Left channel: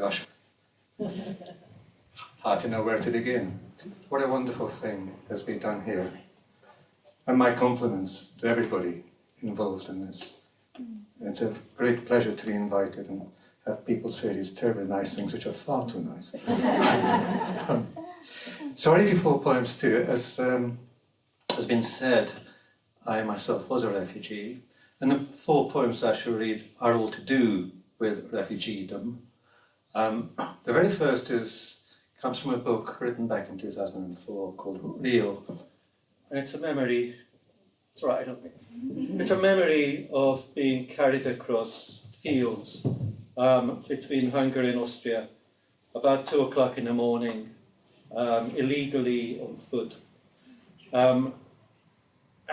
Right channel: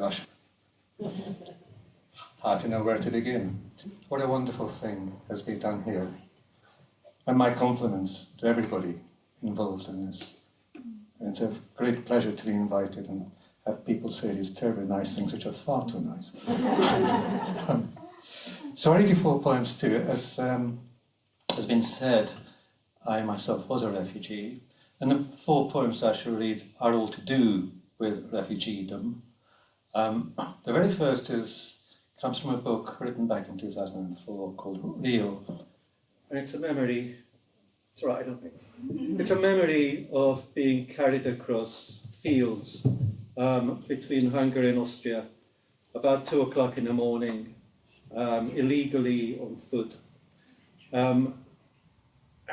Gosh, hard to know where to begin. What a wonderful thing has been done here. And my compliments to everybody involved in this. It's a great pleasure to be invited and have people say these terribly nice things which are far too nice. So I read you 4 poems too. As has been said, I myself was a refugee, and the 4 poems I shall read are all to do with refugeedom. The very first comes from a book written back in 2004 called Real, and it's a memory. It's right, I don't think. It's a memory of being carried across fields between Hungary and Austria about 2 o'clock in the morning, illegally on foot. I'm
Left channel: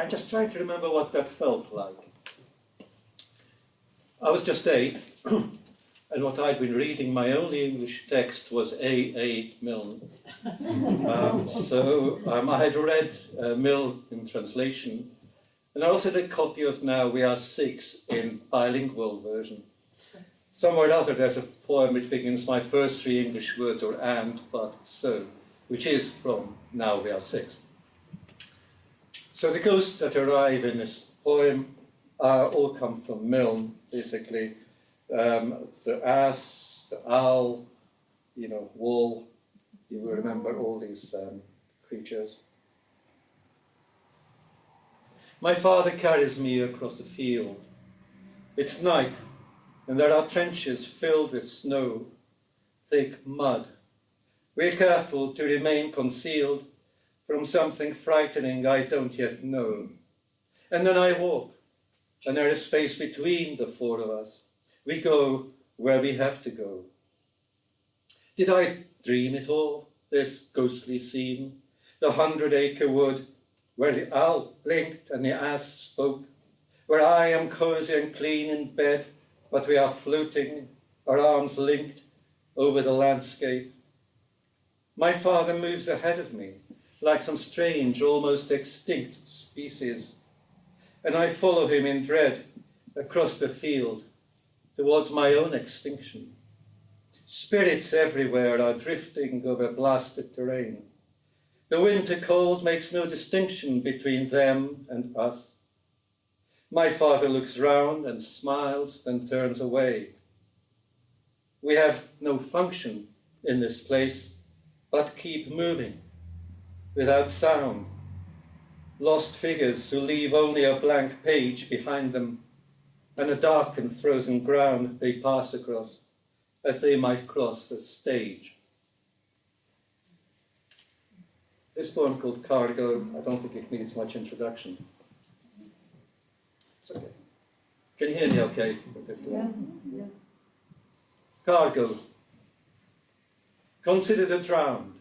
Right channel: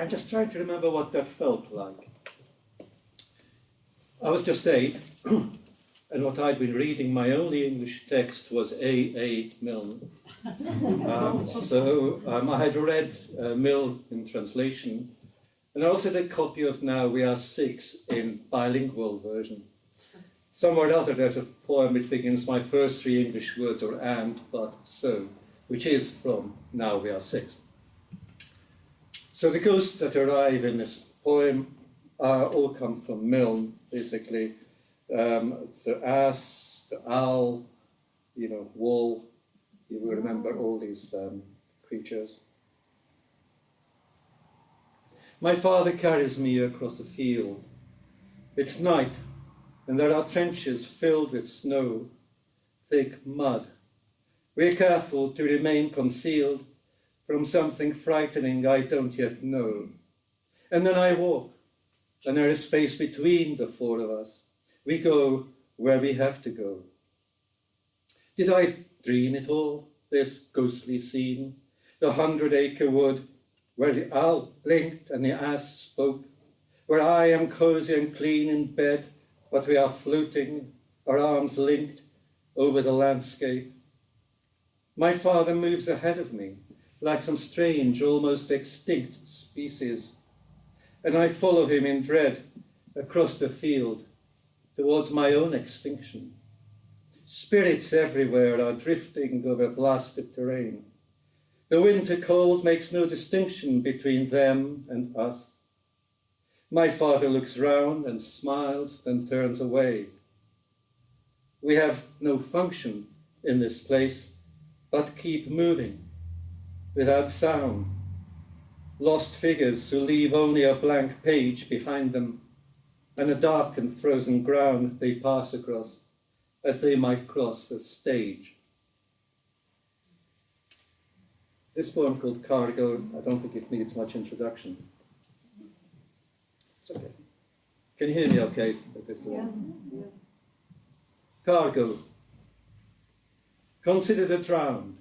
just trying to remember what that felt like. I was just 8, and what I'd been reading, my only English text was A. Milne. So I had read Milne in translation, and I also had a copy of Now We Are 6 in bilingual version. Somewhere or other there's a poem which begins, my first 3 English words are and, but, so, which is from Now We Are 6. So the ghosts that arrive in this poem all come from Milne, basically. The ass, the owl, wool, you will remember all these creatures. My father carries me across a field. It's night, and there are trenches filled with snow, thick mud. We're careful to remain concealed from something frightening I don't yet know. And then I walk, and there is space between the 4 of us. We go where we have to go. Did I dream it all, this ghostly scene? The 100-acre wood, where the owl blinked and the ass spoke, where I am cozy and clean in bed, but we are floating, our arms linked, over the landscape. My father moves ahead of me, like some strange, almost extinct species, and I follow him in dread across the field towards my own extinction. Spirits everywhere are drifting over blasted terrain. The winter cold makes no distinction between them and us. My father looks round and smiles, then turns away. We have no function in this place, but keep moving, without sound. Lost figures who leave only a blank page behind them, and a dark and frozen ground they pass across, as they might cross a stage. This poem called Cargo, I don't think it needs much introduction. It's okay. Can you hear me okay? Yeah. Cargo. Consider the drowned,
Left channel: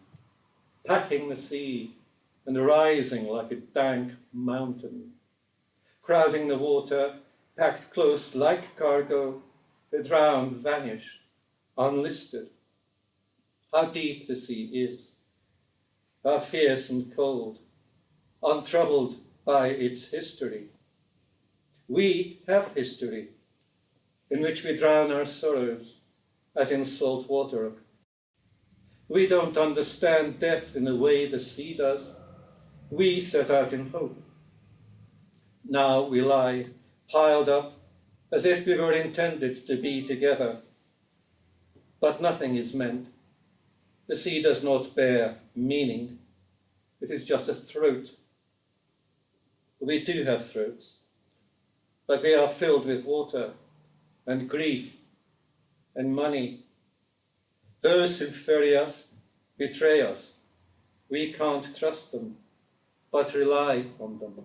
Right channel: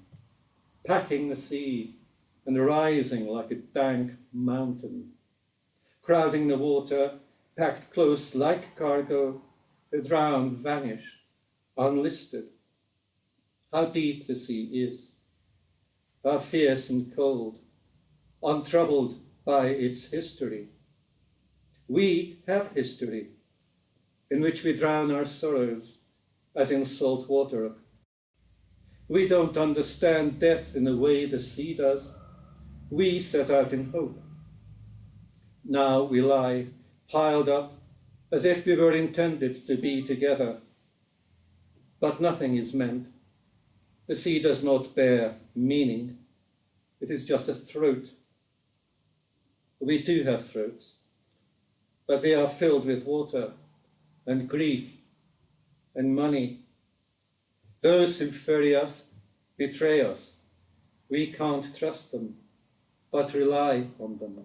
packing the sea and rising like a dank mountain. Crowding the water, packed close like cargo, the drowned vanish, unlisted. How deep the sea is, how fierce and cold, untroubled by its history. We have history, in which we drown our sorrows, as in salt water. We don't understand death in the way the sea does. We set out in hope. Now we lie piled up as if we were intended to be together. But nothing is meant. The sea does not bear meaning. It is just a throat. We do have throats, but they are filled with water and grief and money. Those who ferry us betray us. We can't trust them, but rely on them.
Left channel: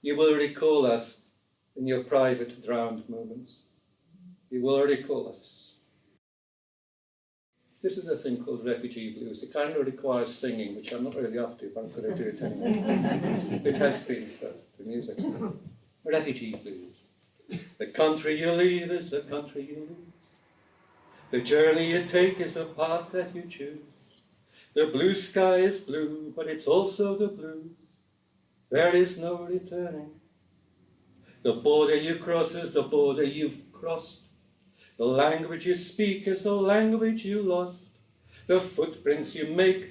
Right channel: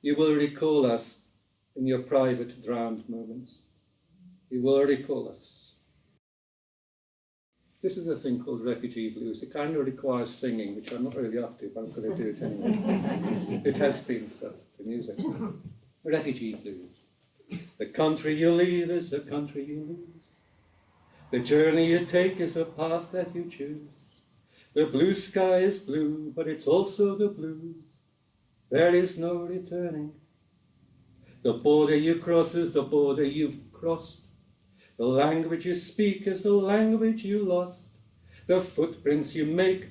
You will recall us in your private drowned moments. You will recall us. This is a thing called refugee blues. It kind of requires singing, which I'm not really up to, but I'm going to do it anyway. It has been stuff, the music. Refugee blues. The country you leave is the country you lose. The journey you take is a path that you choose. The blue sky is blue, but it's also the blues. There is no returning. The border you cross is the border you've crossed. The language you speak is the language you lost. The footprints you make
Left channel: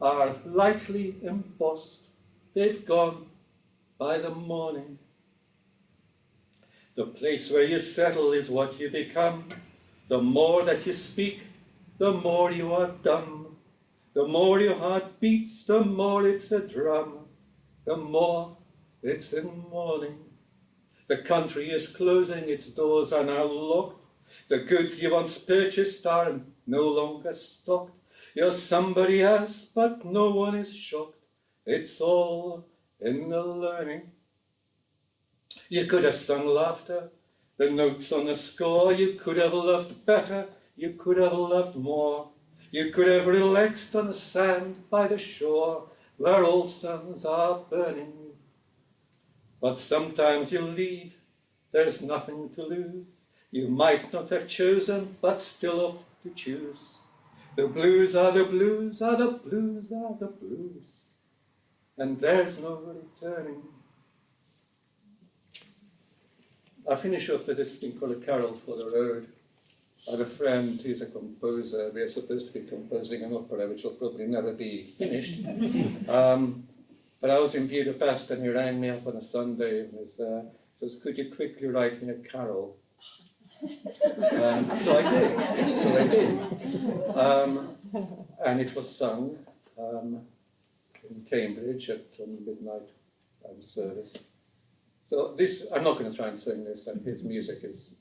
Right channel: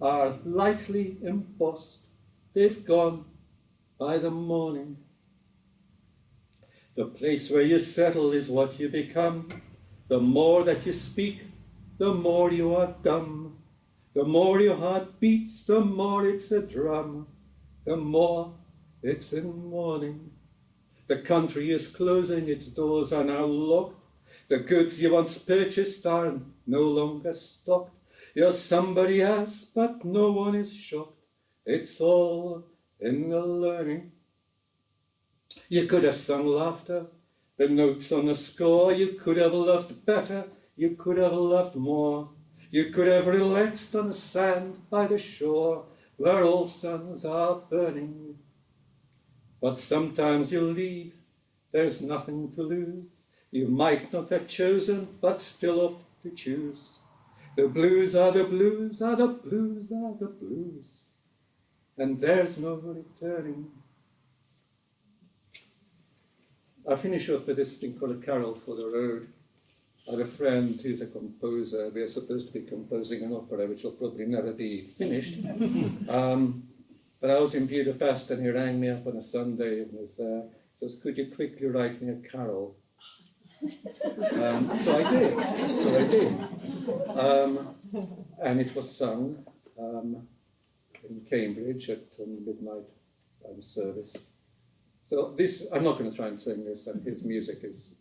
are lightly embossed. They've gone by the morning. The place where you settle is what you become. The more that you speak, the more you are dumb. The more your heart beats, the more it's a drum. The more it's in mourning. The country is closing, its doors are now locked. The goods you once purchased are no longer stocked. You're somebody else, but no one is shocked. It's all in the learning. You could have sung laughter, the notes on the score. You could have loved better, you could have loved more. You could have relaxed on the sand by the shore, where all suns are burning. But sometimes you leave, there's nothing to lose. You might not have chosen, but still opt to choose. The blues are the blues, are the blues, are the blues, and there's no returning. I finish up with this thing called A Carol for the Road. I have a friend who's a composer. We are supposed to be composing an opera which will probably never be finished. But I was in Budapest and he rang me up on a Sunday and says, could you quickly write me a carol? So I did. And it was sung in Cambridge at midnight service. So this, I'm not going to try and sing this, and his music is,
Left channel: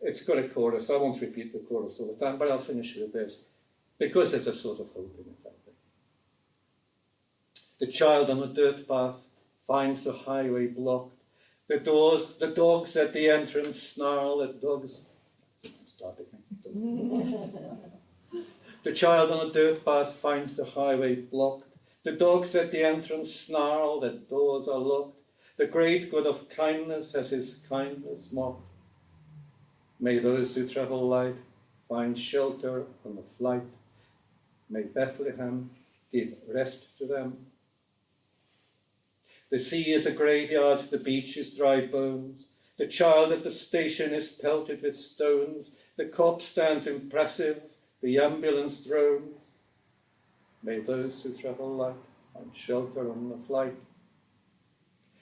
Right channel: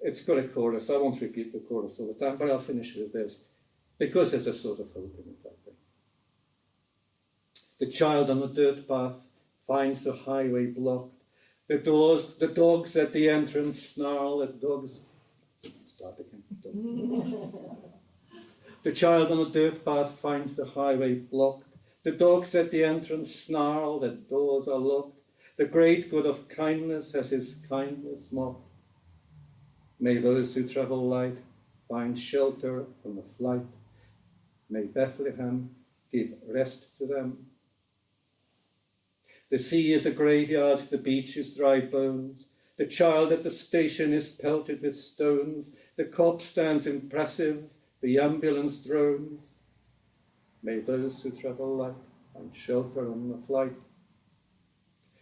it's got a chorus. I won't repeat the chorus all the time, but I'll finish with this, because there's a sort of hope in it, I think. The child on the dirt path finds the highway blocked. The dogs at the entrance snarl at dogs. Start again. The child on the dirt path finds the highway blocked. The dogs at the entrance snarl that doors are locked. The great God of kindness has his kindness mocked. May those who travel light find shelter on the flight. May Bethlehem give rest to them. The sea is a graveyard, the beach is dry bones. The child at the station is pelted with stones. The cop stands impassive, the ambulance drones. May those who travel light find shelter on the flight.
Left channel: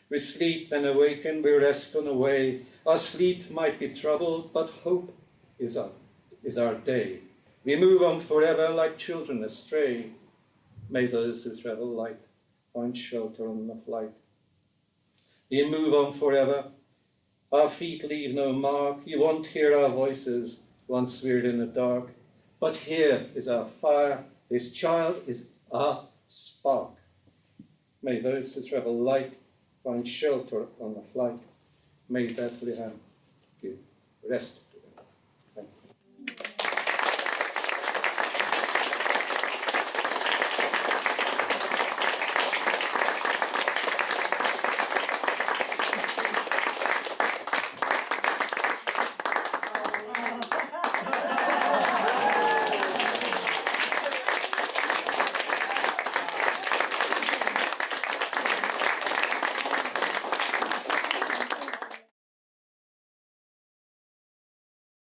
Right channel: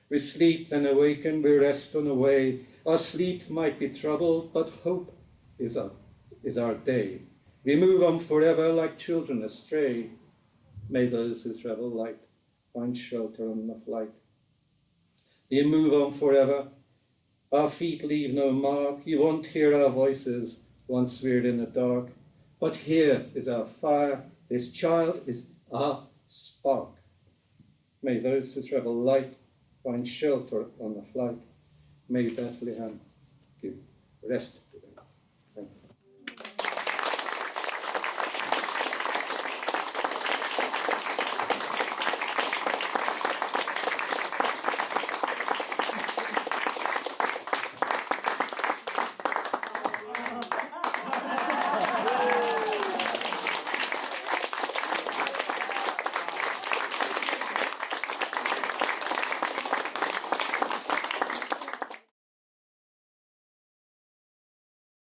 We sleep, then awaken, we rest on the way. Our sleep might be troubled, but hope is our day. We move on forever like children astray. May those who travel light find shelter on the flight. We move on forever. Our feet leave no mark. You won't hear our voices once we're in the dark. But here is our fire. This child is our spark. May those who travel light find shelter on the flight. May Bethlehem give rest